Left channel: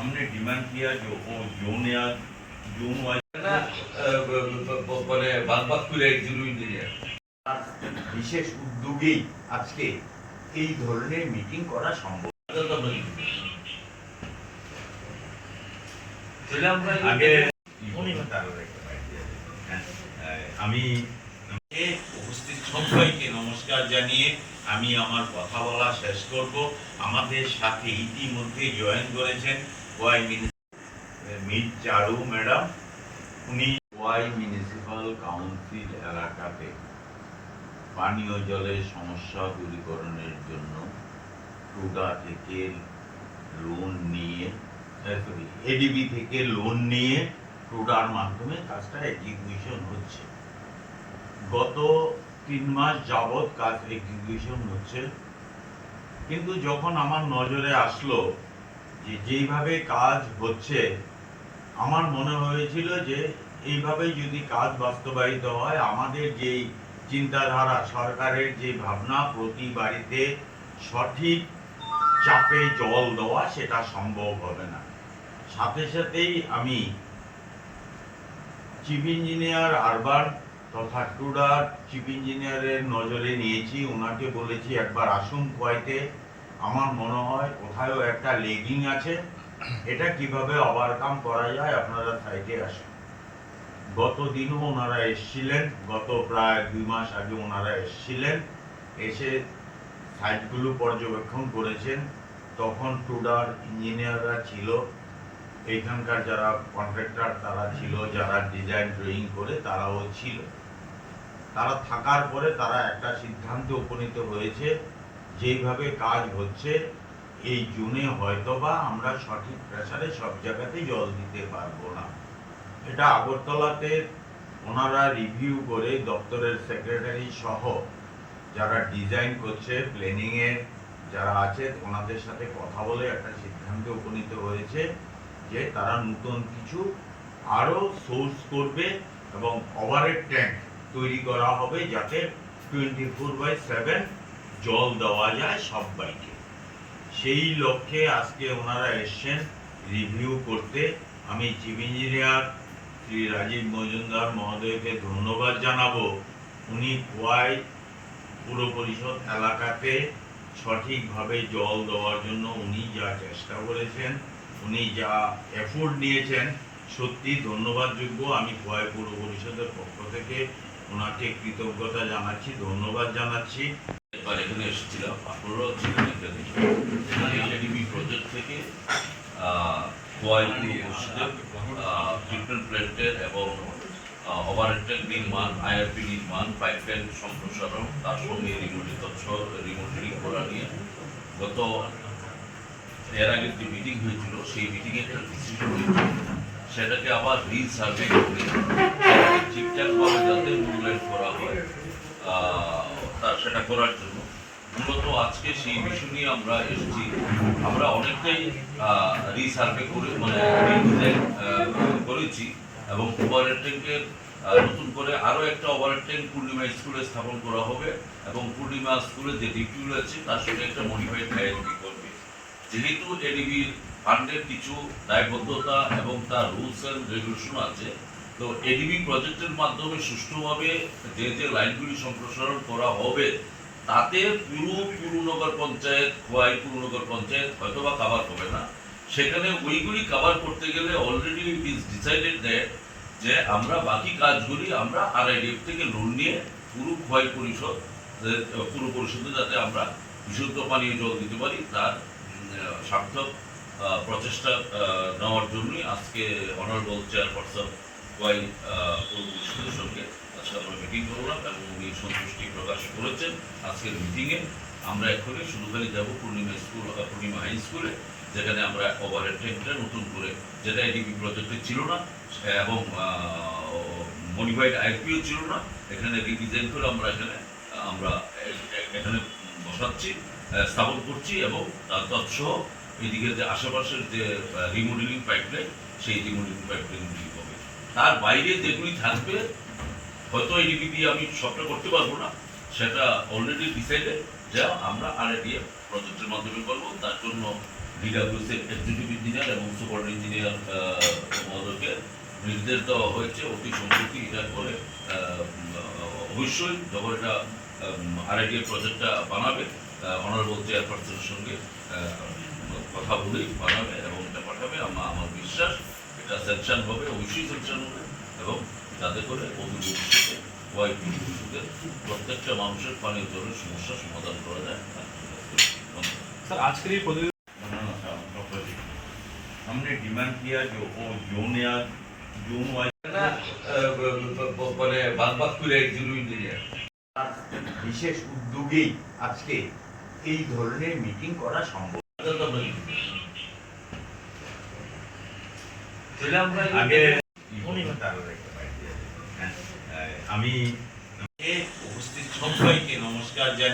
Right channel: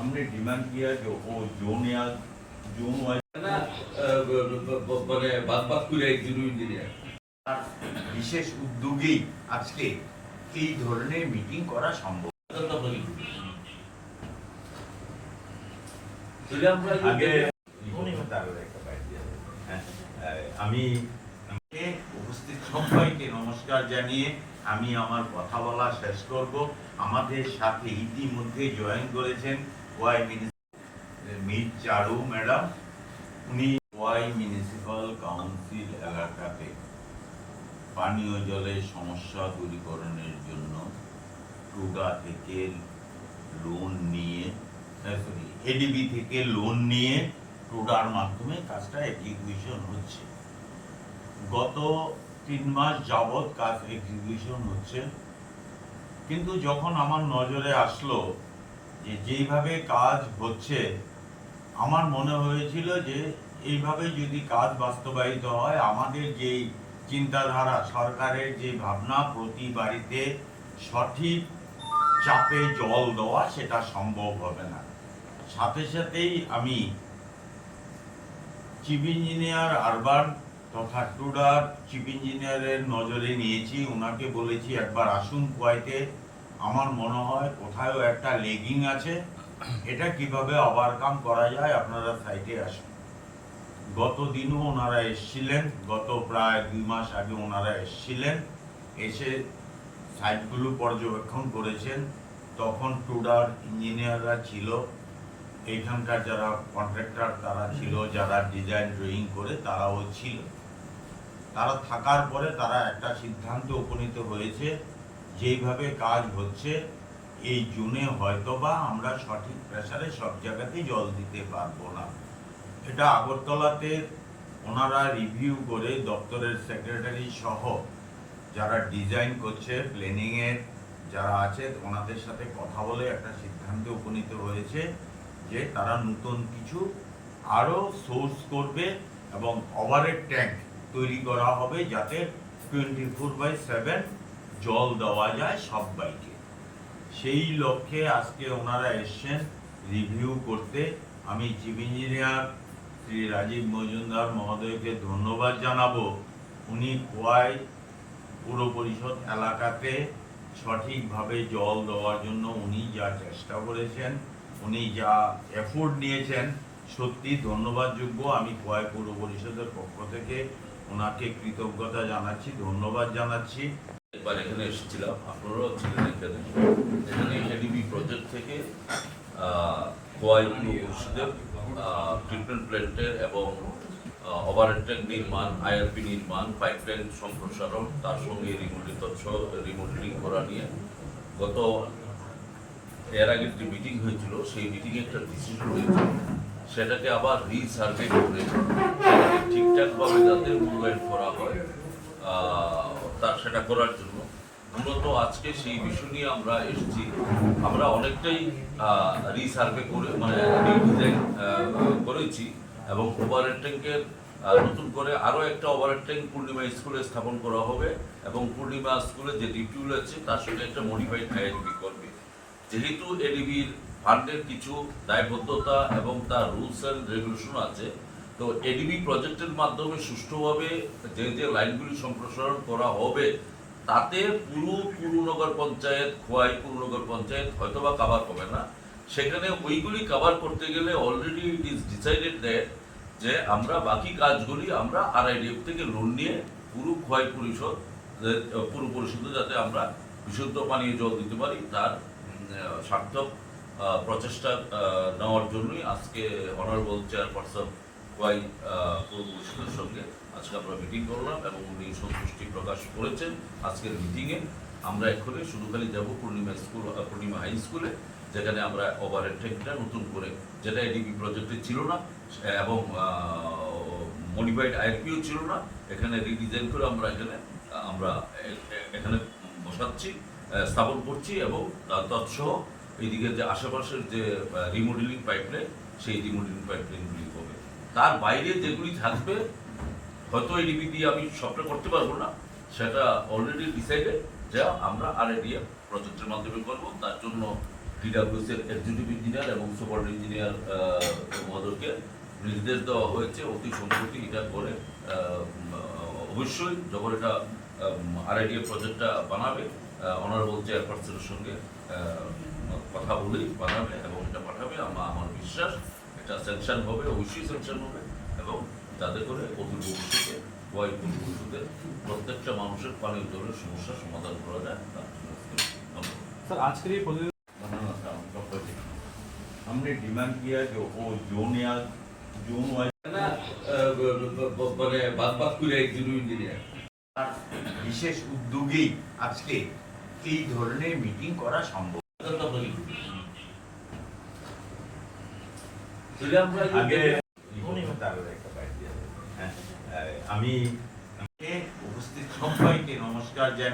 हमने डिमांड किया जो वो जोन या जोन वाइज না আহ, ব- ব- ব- মানে বাদ বাদ করে একজন ইঞ্জিনিয়ার বিশেষ উদ্যোগেই আজকে এই ধরনের মিটিং করা সম্ভব তাহলে আমরা আগে আগে হ্যাঁ, আমি এ উপস্থিত সবাইকে নমস্কার জানিয়ে আমি আমার কথা বলা শেষ করব আমাদের সাথে ইতিমধ্যে জয়েন করেছেন ওয়াই মির চারু ম্যাডাম উনি ওয়াই মিউনিসিপাল কাউন্সিল এলাকাতে পানীয় জলের সমস্যা দূরীকরণের জন্য টুডা থেকে লোন নিয়ে সরি এডিবি থেকে লোন নিয়ে টুডার মাধ্যমে কাজটা এক্সিকিউশন হচ্ছে। গত তিন মাস যাবৎ কাজ এক্সিকিউশন হচ্ছে। কিন্তু যখন আমার নজরে আসলো যে যেইভাবে কাজ হচ্ছে, আমার মনে হয়েছিল যে এইভাবে যদি কাজ বাস্তবায়িত হয়, আমাদের যেই চিন্তাধারা, সরকারের যে ভাবনা প্রতি বাড়িতে সঠিক চাপে জল দেওয়া, সেটা সম্ভব হবে না। সাথে সাথেই আমি চিফ ইঞ্জিনিয়ার আরবান তথা টুডার, চিফ ইঞ্জিনিয়ারের নজরে নিয়েছি। ওনাকে বলেছি, একবার আসুন কোয়াইতে। আমার মনে হয় কোথাও একটা লেগিং আছে। এটা কীভাবে ওভারকাম করা যায় আপনারা সাইটে আসেন। গত দিনও ওনারা এসেছিলেন, গত প্রায় দুই মাস আগে ওনারা এসেছিলেন, এসে সাইটগুলো পর্যবেক্ষণ করেছেন। তখন টুডার ইঞ্জিনিয়াররা ছিল, এইখানকার যারা কন্ট্রাক্টর তারা ছিল, যারা ডিজাইন ড্রয়িং করে তারাও ছিল। তারা থাকার পরে তারা একটা সিদ্ধান্তে উপনীত হয়েছে যেইভাবে কাজ হচ্ছে, এই জুনে হয়তোবা আমরা সঠিক প্রেশারে সব জায়গাতে জল দিতে পারব না। এটা আগরতলাতে ওনারা রিভিউ করে দপ্তরের সেক্রেটারি সহ যারা ডিজাইন করছে প্ল্যানিংয়ে যারা আছে, ওনাদের সাথে কথা বলে একটা সিদ্ধান্তে উপনীত হয়েছে যে তারা নতুন কিছু আরও সোর্স করবে এবং ওভারের ট্যাঙ্ক তৈরি করা হবে যাতে টোয়েন্টি ফোর বাই সেভেন জল দেওয়া যায় সব বাইকে সেই লক্ষ্যে আজকে ওনারা এসছেন রিভিউ করতে। আমি চিফ ইঞ্জিনিয়ার শ্রী রাজীব মজুমদার মহোদয়কে ধন্যবাদ জানাব। উনি কোয়াই পুর পরিষদ এলাকাতে সঠিকভাবে জল দেওয়ার জন্য উনি যা চেষ্টা করেছেন, উনি যা এফোর্ট নিয়েছেন, সত্যি ধন্যবাদযোগ্য। আমি কোয়াই পুর পরিষদের পক্ষ থেকে ওনাকে কৃতজ্ঞতা জানাচ্ছি, ধন্যবাদ জানাচ্ছি। এবার এখানে এসেছিলাম, আপনারাও ছিলেন এখানে। এখানে এডিবি প্রজেক্ট থেকে কোয়াই পরিষদের ট্রিটমেন্ট প্ল্যান্টের এবং ওভারটেক নির্মাণ আইআরপি নির্মাণ পাইপলাইন সম্প্রসারণ, তার সঙ্গে রিমোটিং রিমোটিং করা নিয়ে। গত, এর আগে যে মিটিং হয়েছিল, সেই মিটিংয়ে একটা ডিসিশন হয়েছিল। সেটাকে আবার রিসার্ভে করে সেটাকে ঠিকঠাকভাবে যাতে মূল্যায়ন করা হয় আহ, তার সেটা করার জন্য। মূলত আজকে সেই বিষয় নিয়ে আমরা এসেছি। আমরা অনেকটাই রিসার্ভে করে মানে রিডিজাইন করেছি এবং ওভারের ট্যাঙ্কের নতুন করে আরও একটা ওভারের ট্যাঙ্ক পূর্ণিমা স্কুলে স্থাপন করা হবে এবং পূর্ণিমা স্কুলে যে ডিপিউল আছে, তার সঙ্গে একটা মডিফাইড আইএনপি করবে। যেহেতু এডিবির ফান্ডের কিছু দায়বদ্ধতা এবং তার রুলস অ্যান্ড রেগুলেশন আছে তো এডিবি প্রজেক্টের মাধ্যমে সুষ্ঠুভাবে যে যে লাইনগুলি সম্প্রসারণ করা হবে, তাতে পুরো পুরনগর পঞ্চায়েত, খোয়াই পুরনগর পঞ্চায়েত হয়তোবা কাভার হবে না। সেখানে ওইগুলি কাভার করতে গেলে already it is decided that যে আমরা বাকি কাজগুলি আমরা আরআইডিএফ থেকে লোন নিয়ে পুরো খোয়াই পরিষদ, পুরো পরিষদে যাতে আমরা বিশুদ্ধ পানীয় জল দিতে পারি, তার সার্থক প্রচেষ্টা নেওয়ার জন্যই আজকে অনারেবল চেয়ারপারসন ওয়াই পৌর সঙ্গে আজকে আমরা মিটিং করলাম এবং উনি সন্তুষ্টি প্রকাশ করেছেন আজকের মিটিংয়ে আমরা এক্ষুনি শুধু খালি যাব পূর্ণিমা স্কুল পূর্ণিমা হাই স্কুলে যেখানে আমরা ওভারহেড ট্যাঙ্কটা নতুন করে যেটা এডিবি প্রজেক্টে ছিল না, এবং মডিফাইড আইপিও ছিল না। এখানে রিডিজাইন করে আমরা এখানে আমরা এখানে বসাচ্ছি স্থাপন করছি এবং তার তৎসহ এইদিকে যে আশেপাশের যে রিমোডেলিং পাইপলাইন সেই রিমোডেলিং পাইপলাইনগুলি তার বাইরে যেগুলি থাকবে, হয়তো এই এডিপি দিয়ে আমি সবটা করতে পারব না, সেটা অলরেডি ডিসাইডেড যা আমরা আরএডিএফ প্রজেক্টের মাধ্যমে করব। তার জন্য ডিডাব্লিউস এক্সিকিউটিভ ইঞ্জিনিয়ার এবং সুপার ইঞ্জিনিয়ার মহোদয়কে নির্দেশ দেওয়া হয়েছে অতি সম্প্রতি এটা করে। অবশ্যই যখন এটা আর আরআইডিএ প্রজেক্টটা বানাবে অনারেবল চেয়ারপারসনের সঙ্গে কথা বলেই বানাবে এবং এটা পাঠাবে। আমার বিশ্বাস তা হবে অবশ্যই হবে। এবং তাতে করে প্রত্যেকটা মানুষের পানীয় জলের সমস্যা সমাধান করা যায়। আজকের এই প্রতিযোগিতা মানে বাদ বাদ করে একজন ইঞ্জিনিয়ার বিশেষ উদ্যোগেই আজকে এই ধরনের মিটিং করা সম্ভব। আগে হ্যাঁ, আমি উপস্থিত সবাইকে নমস্কার জানিয়ে